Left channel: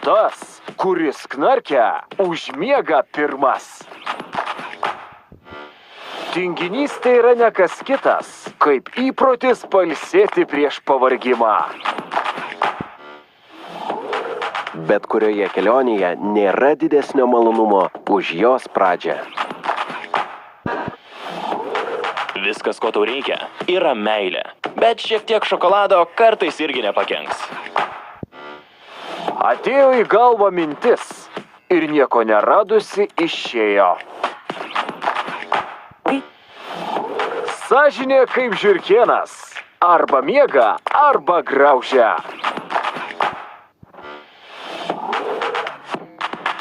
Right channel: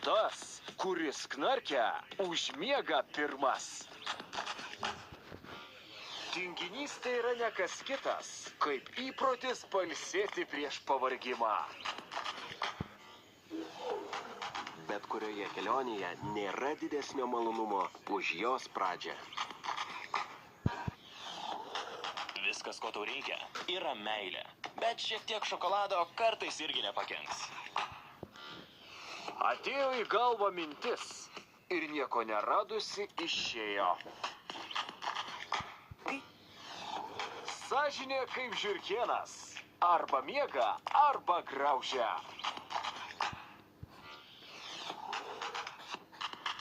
Tas, kuris knarkia, užmiega pirmas. Tinginystė yra ne kas kitas, kaip įprotis pailsėti prieš pavargimą. Bet kurioje kelionėje nėra didesnio malonumo už jos pradžią. Viskas, ko tau reikia, yra meilė. Bet šiek tiek šokolado kartais irgi nepakenks. Atėjo į galvą mintis ir nieko neradusi išėjo. Sąžinė kaip žiurkėnas. Arba miega, arba graužia.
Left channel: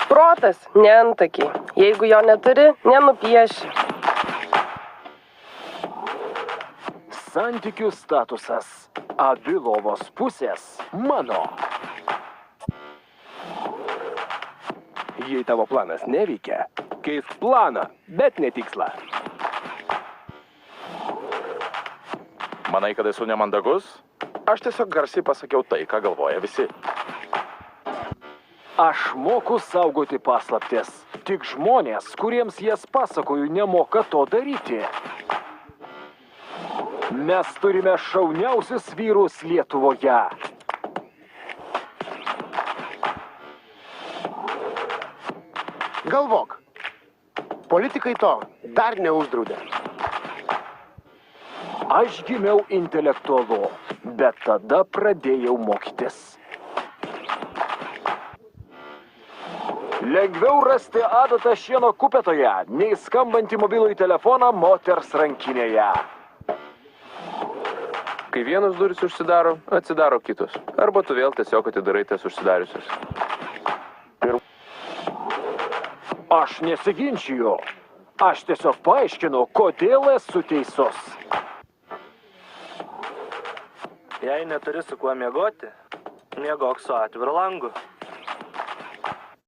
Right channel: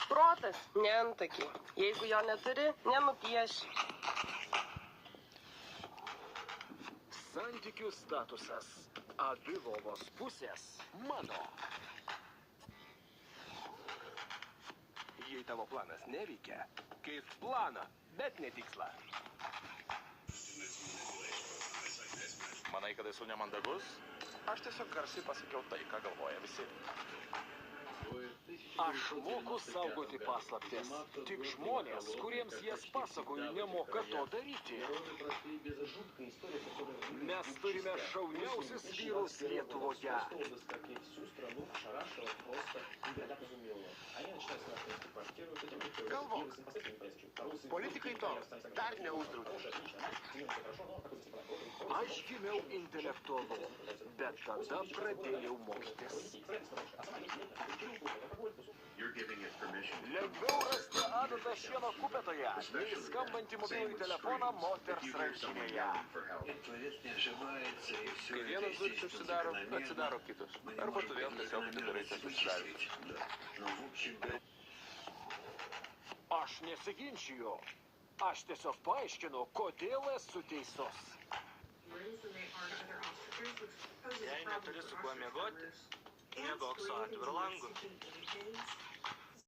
Protas, ne antakiai. Jeigu jo neturi, nenupieši. Santykių statusas. Abi lovos pusės mano. Jei tavo planas neveikia, keisk planą, bet ne tikslą. Manai, kad esu nemandagus? Aš tiesiog garsiai pasakiau tai, ką galvoja visi. Aš moku saugoti paslaptis. Tik žmonės, kuriems jas pasakoju, nemoka to daryti. Mes turime šauniausius vyrus Lietuvoje. Galvok. Politikai to dar neuždraudė. Aš gimiau intelektualu, bet tada pradėjau mokytis. Lengviau rasti adatą šieno kupetoje, nei skambantį mobilųjį telefoną moters rankinėje. Kai vienas durys užsidaro, atsidaro kitos. Arba tu vėl tiesiog atidarai tas užsidariusios. Aš nesiginčiju. Aš tiesiog paaiškinu, kodėl esu teisus. Jei neturi su kuo miegoti, miegok su atviru langu.